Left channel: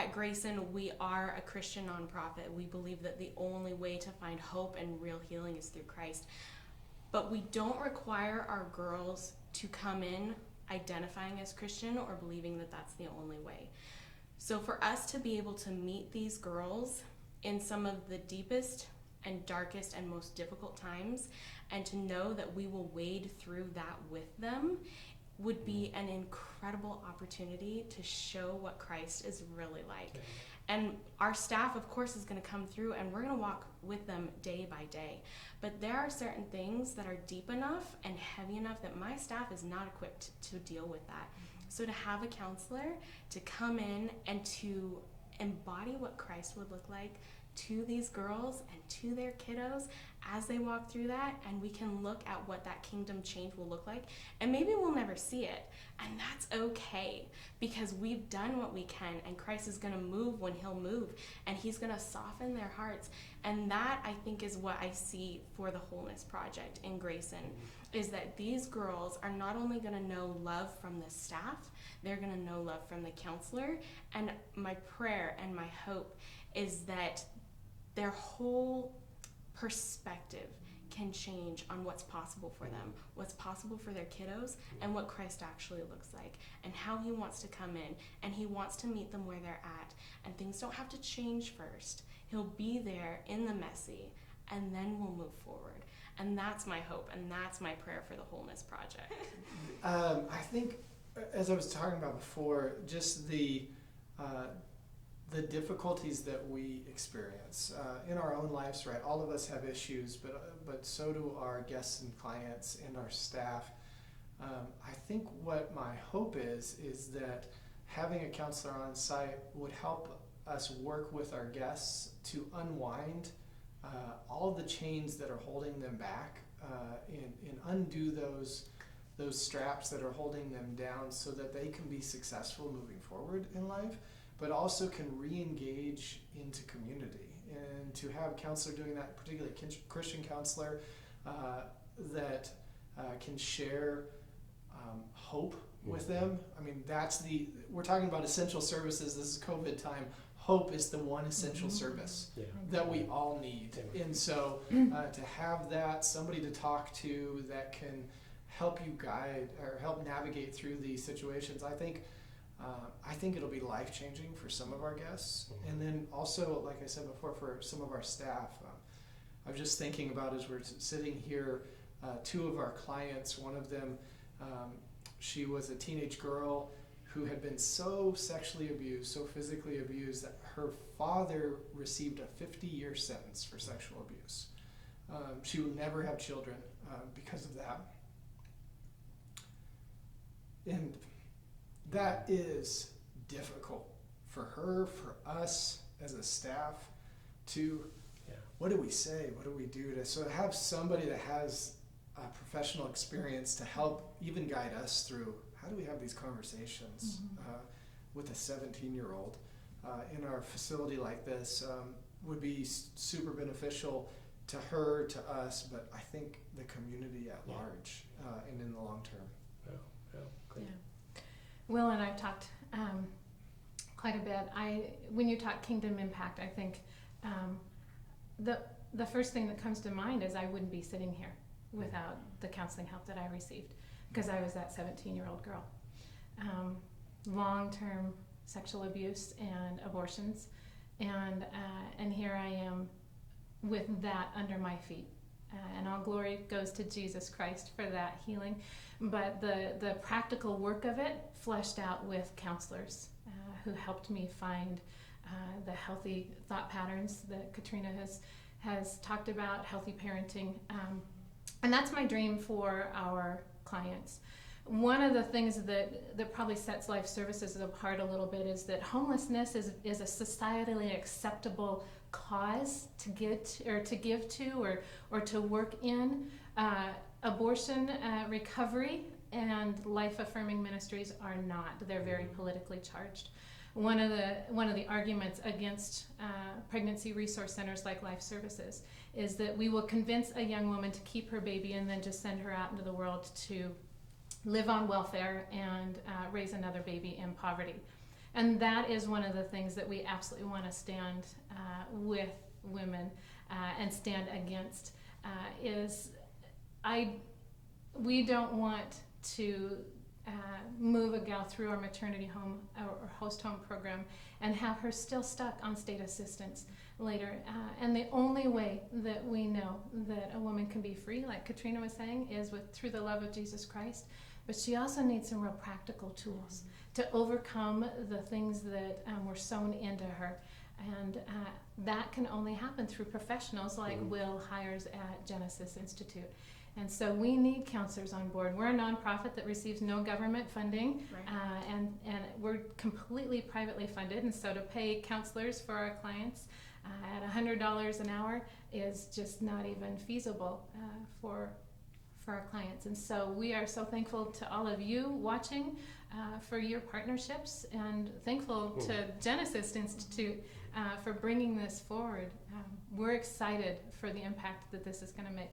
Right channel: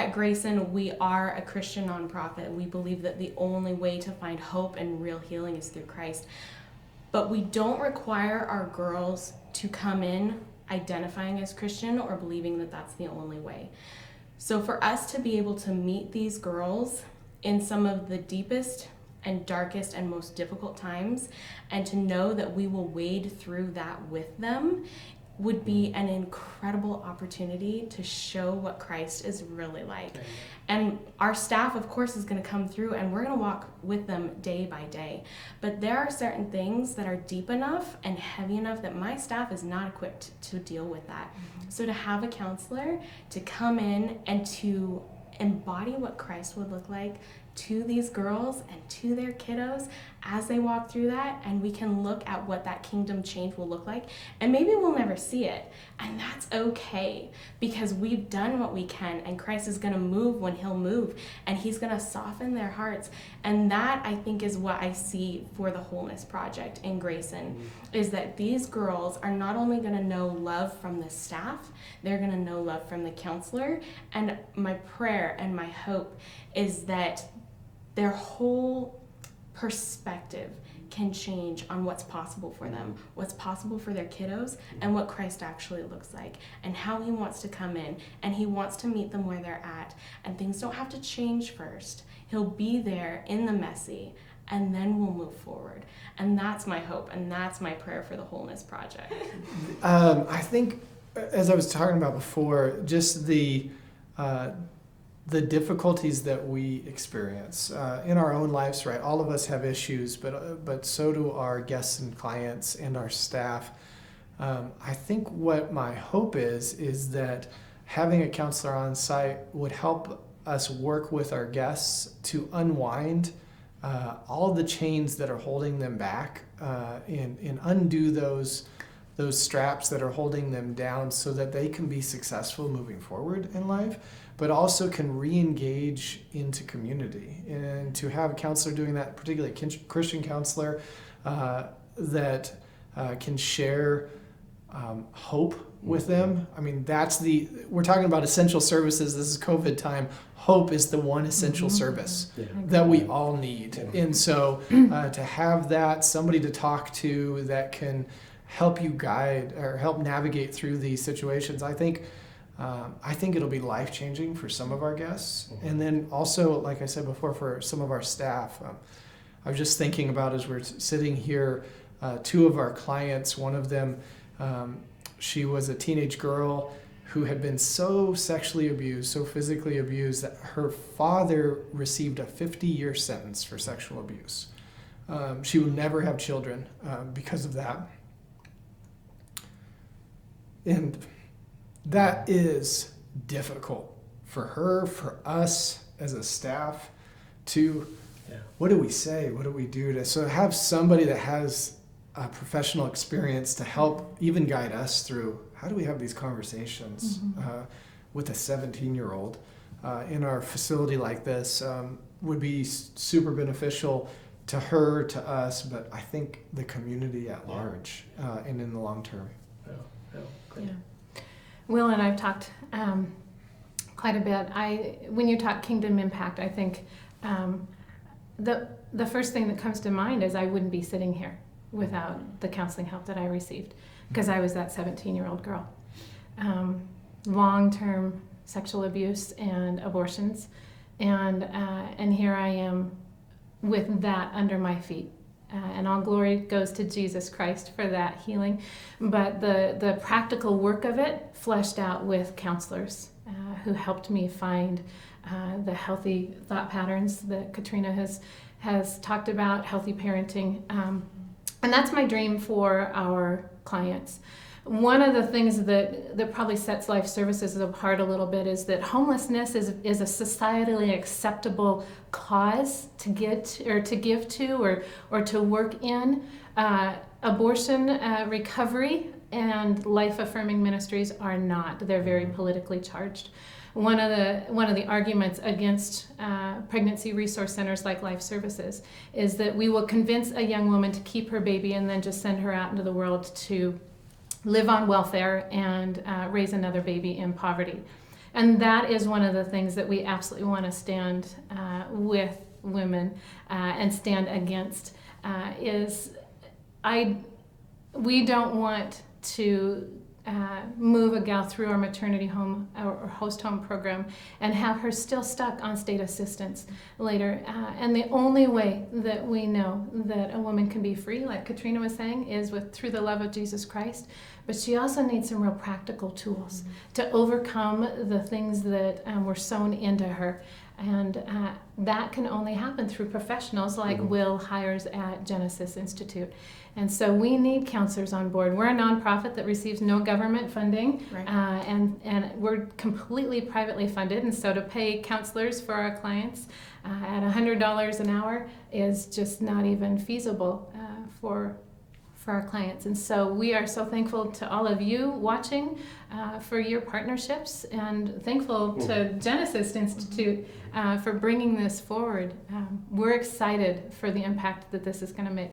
at Grayson, we are a Christian nonprofit. We believe that the only way to find hope and real healing is through Christ. But we don't require our girls to come in identifying as Christian or believing that that's the only way. So for us to be able to meet these girls in some of the deepest and darkest and most difficult times, and to know that we will wade through that with them, would be an incredible opportunity to show what Christ is really like. Okay. And our staff, of course, is going to come through, and we're going to walk with them day by day. But there are certain things that are deep enough and heavy enough that my staff is not equipped to deal with that. Mm-hmm. So to have a counselor to come in and to embody what Christ would look like to these girls and to their kiddos as they walk through that, and we can look at what that kingdom change will look like, and maybe we'll never see it, and that's okay, because we've done what we can, and Christ is going to move when he'll move, and he's going to soften their hearts. And that, I think, is what I see for the Wholeness Project in Grayson, is that these girls are not only going to know love from the staff, they're going to know love from the counselor. And my prayer and my hope is that their whole perspective can change on what's possible for them, what's possible for their kiddos, and what Christ actually looks like, and how he wants to come in, and he wants to meet them where they're at, and things don't have to change first. He'll be there in the messy, and then we'll move forward. And that's my hope, and that's my prayer for the Wholeness Project. I think, as I was talking about before, just the difficulties that we experience in our own lives, right? All of us have issues, but so do our guests and clients and our staff. I think what my hope is that having a counselor on site would help us work with our guests to unwind all the chains that are holding them back and undo those straps that are holding them down, so that they can be successful moving forward in life, but also can re-engage into community. And to have a counselor doing that, particularly a Christian counselor, that can share hope with them. I mean, we're talking about essential services. This is COVID time. Hope is the one essential service that we all need. And so to have that, somebody to talk to that can help you guide or help navigate through these situations, I think it'll be life-changing for some of our guests. And then also, like I said before, for some of our staff. I was just thinking about, as we're sitting here, two of our clients, one of them, she was a teenage girl who had been so sexually abused, so physically abused, that her father received a 50-year sentence for sexual abuse. She would never have children because of that. And that is difficult for her, for us as a staff to, what do we say? What do we do to, so have somebody that has a professional experience to help even guide us through, how do we have these conversations with a 17-year-old in our facility like this would be super beneficial to her, to us, but I think the community at large and in the long term. Yeah. Will and I've talked quite a bit. When you talk kingdom impact, I think the first thing that comes to mind is I wouldn't be sitting here without the counseling help that I received, because I was that 17-year-old girl. Long-term sexual abuse and abortions, and here I am with that under my feet. And all glory goes to Jesus Christ for that healing. But the practical work of it fleshed out with counselors who helped me find the healthy thought patterns that Katrina has talked about, healthy parenting. And that's my dream for our clients. One of the things that probably sets life services apart a little bit is that homelessness is a societally acceptable cause to get or to give to or to work in. Abortion recovery and life-affirming ministries are not. They're very politically charged. One of the arguments against pregnancy resource centers like Life Services is that we will convince a young woman to keep her baby and then just send her out into the world to live on welfare and raise another baby in poverty. And that is one of the things that we absolutely want to stand with women and stand against. We don't want to move a gal through our maternity home or host home program and have her still stuck on state assistance later. And the only way that we know that a woman can be free, like Katrina was saying, is through the love of Jesus Christ. But she also needs some real practical tools to overcome the things that were sown into her. And that can only happen through professionals like Will hires at Genesis Institute. And so we need counselors on board. We're a nonprofit that receives no government funding, Right. and we're completely privately funded. And so to pay counselors for our clients at $100 an hour is just not even feasible for our clients. And so we are so thankful to all of you watching for your partnerships, and thankful to Genesis Institute for bringing this forward. We're excited for the impact that this is going to make.